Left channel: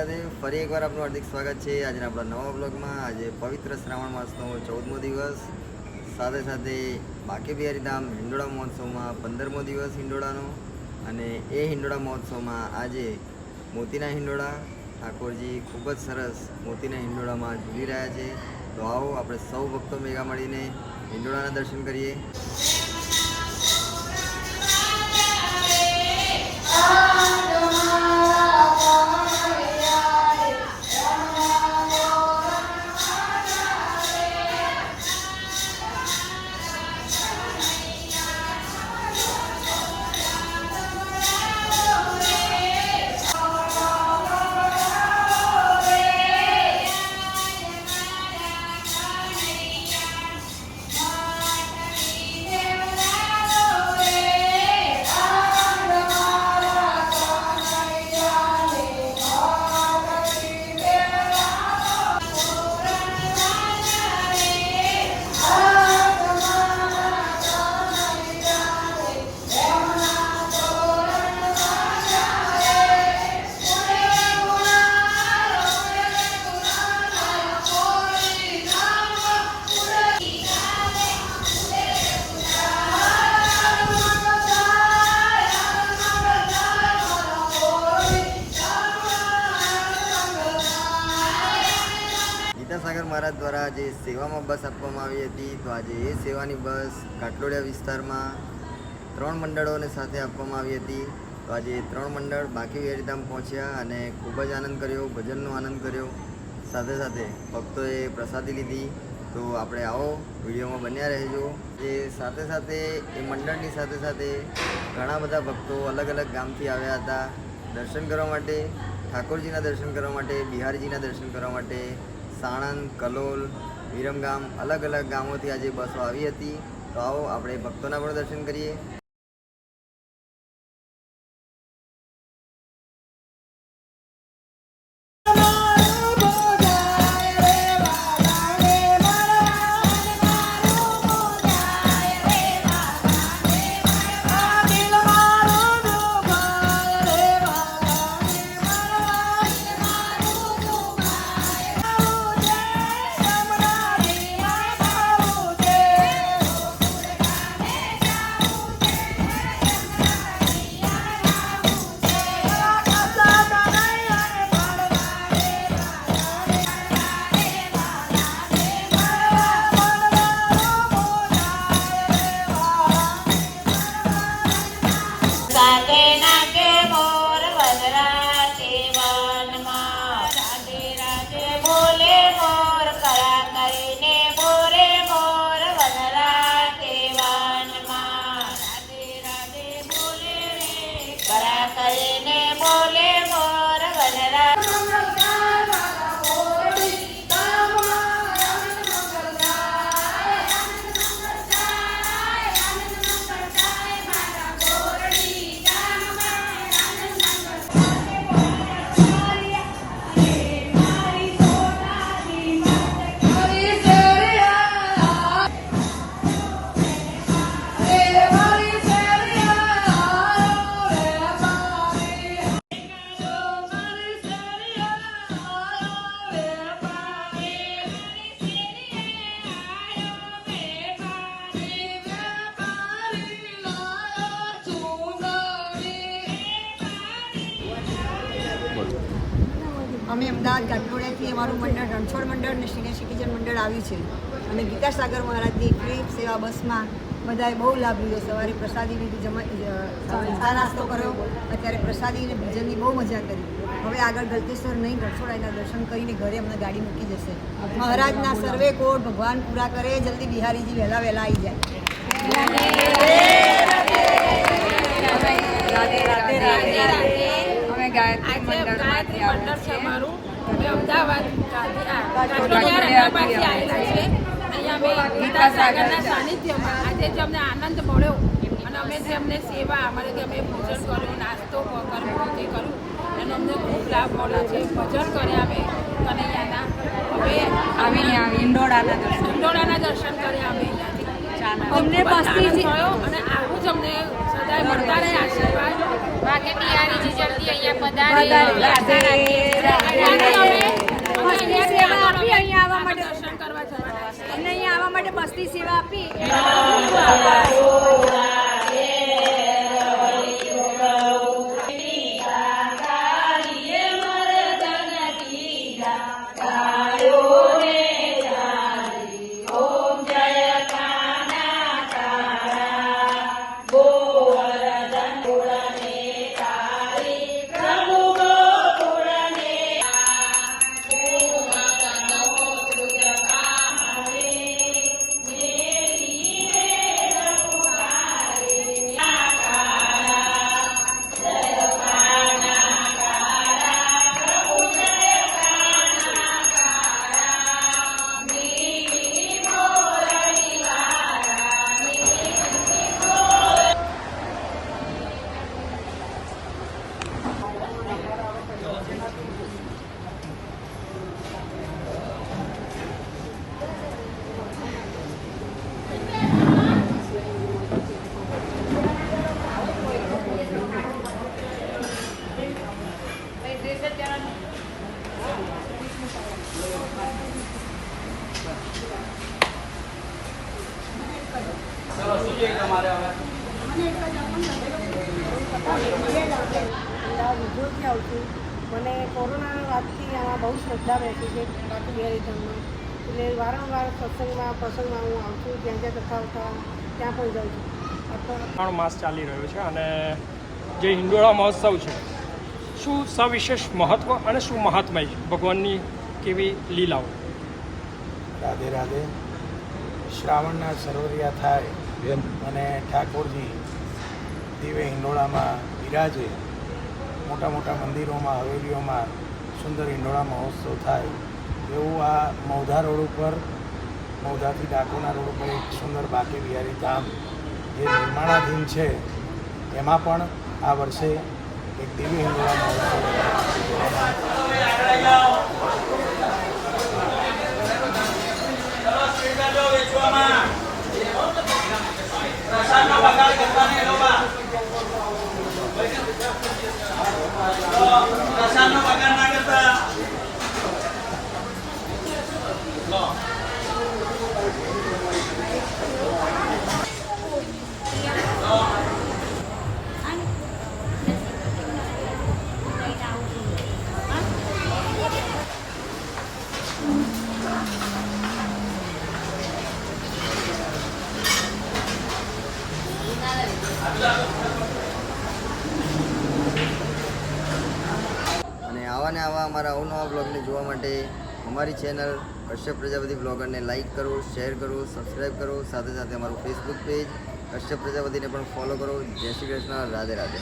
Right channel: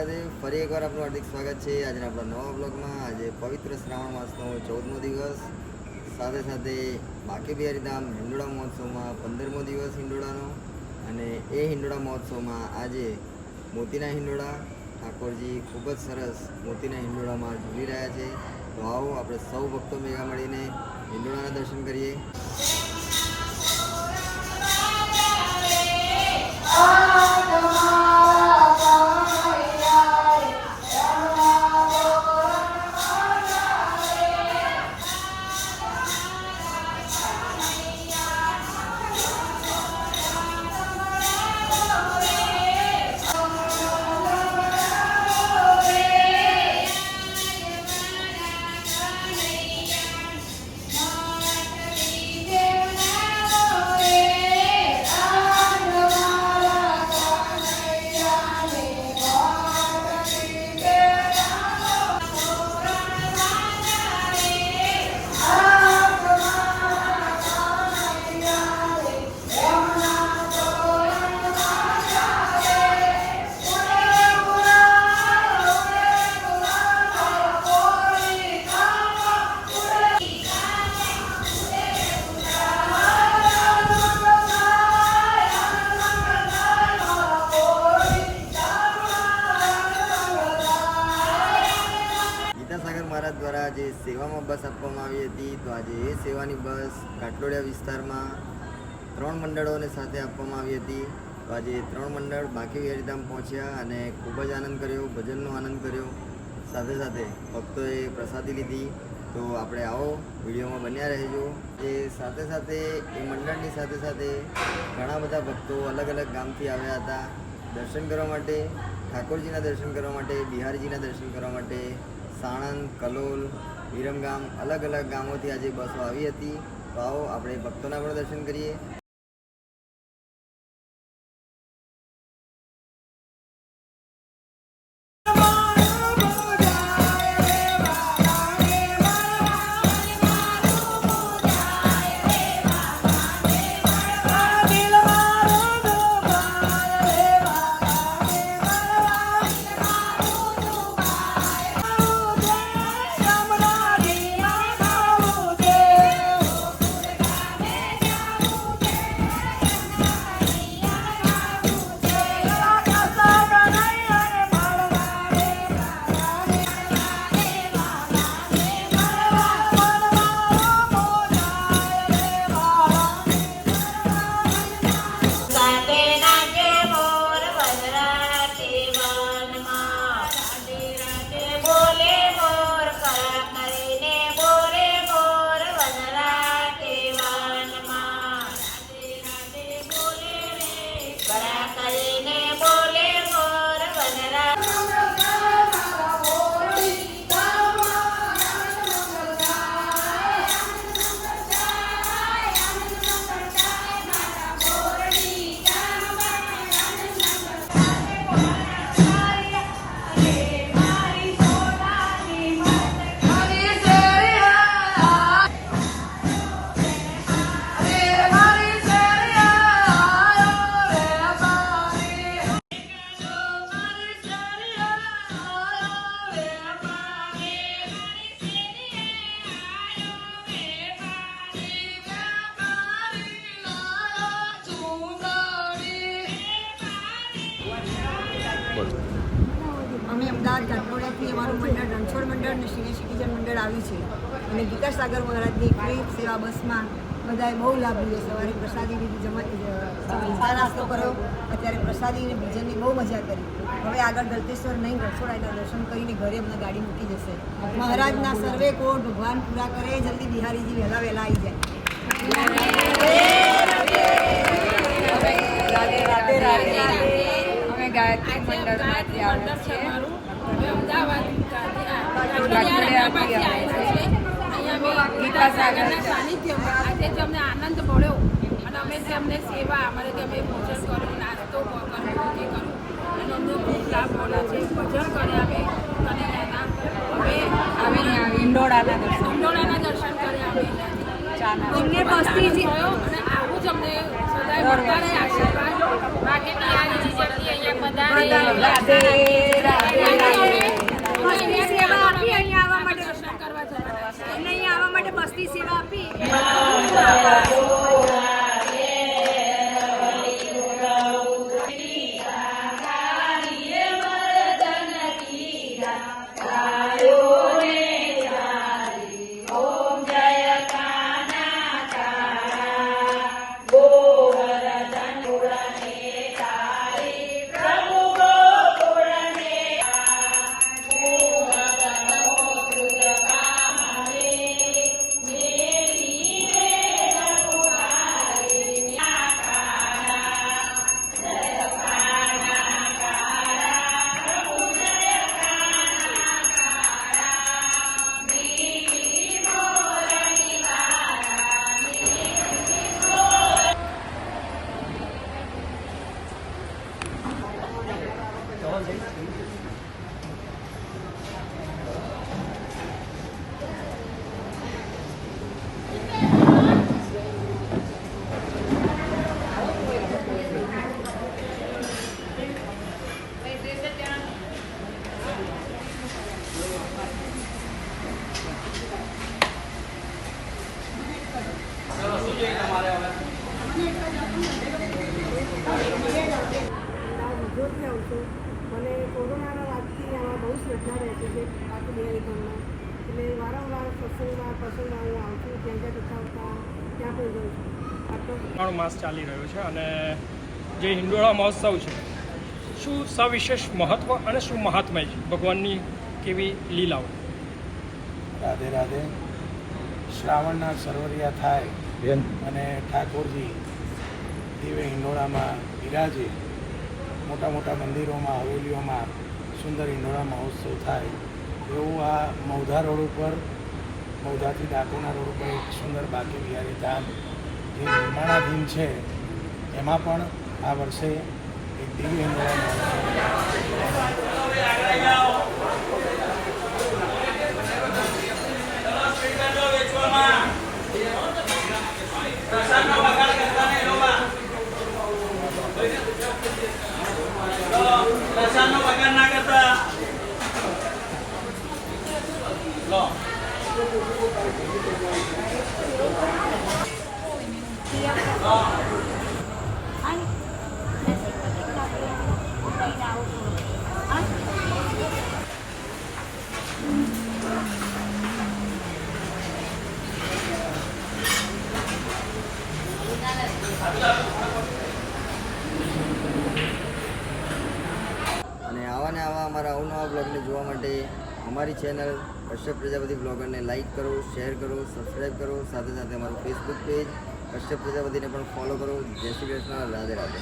રાધે ફરી એકવાર આપનું હાર્દિક સ્વાગત છે આજના આપણા નવા બ્લોગમાં। આજે પવિત્ર શ્રાવણ માસનો 14મો દિવસ, સાથે સાથે બાંકે બિહારી ધામ હિંડોળા મહોત્સવમાં 15મો દિવસ હિંડોળાનો। અને એ હિંડોળા મહોત્સવમાં આજે મોતીના હિંડોળા ઠાકોરજી ખૂબ જ સરસ મોતીના હિંડોળામાં ઝૂલી રહ્યા છે। તો આવો આપણે સૌ ભક્તો ભેગા મળીને હિંડોળાના દર્શન કરીએ। સાગર મહારાજ દ્વારા જે સેવામાં બસ આપવામાં આવી હતી, તો આજે એ સેવાની બસ કાટલોડિયા વિસ્તારમાં 3 મંડળોને સાથે આપવામાં આવી હતી। તો આજે 3 મંડળ બાંકે બિહારી ધામ પહોંચ્યા અને ખૂબ જ આનંદ કર્યો, ભજનનો આનંદ કર્યો, સાથે સાથે ભક્તોએ પ્રસાદી લીધી। તો આપણે આવો વિડીયોમાં બન્યા રહેજો। જે સાથે સાથે એ મંડળની સાથે સાથે ઘણા બધા ભક્તો અલગ અલગ ગામથી આવ્યા હતા દર્શન કરવા માટે, ઠાકોરજીના દર્શન કરવા માટે, બિહારીજીના દર્શન કરવા માટે। સાણંદ, કલોલ, વિરમગામ અલગ અલગ ગામોથી આજે બસો આવી હતી। તો આવો આપણે ભક્તોના પણ દર્શન કરીએ। અમે અમદાવાદ કાટલોડિયાથી અમારું મંડળ રણછોડ મંડળ અને સિનિયર સિટીઝન મંડળ આવ્યું છે અને ગીતા સાગર મહારાજની ફ્રી સેવા બસમાં બધાએ બહુ લાભ લીધો। સવારે પ્રસાદી લીધી, ચા નાસ્તો કર્યો, અત્યારે પ્રસાદી અને ભજનની બહુ મજા કરી। હવે આગળ ગલતેશ્વર નહીં, રણછોડાના દર્શન કરીને ઘરે અમને ગાડી મૂકી જશે। મહારાજના સર્વે કોટ ભગવાન પૂરા કરે, જલ્દી બિહારીજી વહેલા વહેલા આવી જાય। ગાયત્રી મંડળમાંથી આવ્યા છે અમારું। અમે અમદાવાદ કાટલોડિયાથી આવેલા છે। અહીંયા અમે ગીતા સાગરના સાનિધ્યમાં આજે જ અમને આનંદ મળ્યો અને અમે જે અમને સેવા અમારે જે અમે ભોજન કર્યું, નાસ્તો કર્યો, જે કર્યું અને અમને ખૂબ લાભ મળ્યો છે। ભજન કર્યા અમે કનૈયાના, અમે આવીને હિંડોળાના દર્શન કર્યા અમે અમને મસ્તી થયો અને આવું જ અમને સદાય મળતા રહે આશીર્વાદ। બાંકે બિહારીજી જલ્દી અહીંયા પધારે। રાધે રાધે। અમદાવાદ વિજોરથી આવું છું. મને કોરોનાના વાતથી આમાં બહુ શ્રદ્ધા બેઠી છે બાકી બિહારીધમમાં. એટલે વારંવાર સત્સંગમાં પ્રસંગમાં હું આવું છું. જ્યાં જ્યાં કથા આવતા ત્યાં પણ જાઉં છું. શ્રાવણ માસ ચાલી રહ્યો છે અને જે હિંડોળા મહોત્સવ છે શું સવિશેષ મહત્વ અને શું મહાત્મય છે ભગવાનની કેવી લીલાઓ? રાધે રાધે. શ્રાવણના સરવરિયા થાય અને ઠાકોરજી દિવ્ય હિંડોળામાં બિરાજે, મોટા મોટા મંદિરોમાં હવેલીઓમાં સુંદર હિંડોળા મહોત્સવ થાય એવું આ મૌધા રોડ ઉપર, મૌધાથી ડાકોરના રોડ ઉપર એક સુંદર બાકી બિહારી ધામ જે નિર્માણાધીન છે એમાં પણ આ વર્ષે એક દિવ્ય હિંડોળા મહોત્સવ અને આવા ને આવા અમારા અવનવા બ્લોગને જોવા માટે અમારી ચેનલ કશ્યપ પ્રજાપતિ બ્લોગરને લાઇક કરો, શેર કરો, સબસ્ક્રાઈબ કરો. સાથે સાથે અમારું ફેસબુક પેજ કશ્યપ પ્રજાપતિને પણ ફોલો કરો. જય શ્રી કૃષ્ણ. રાધે રાધે.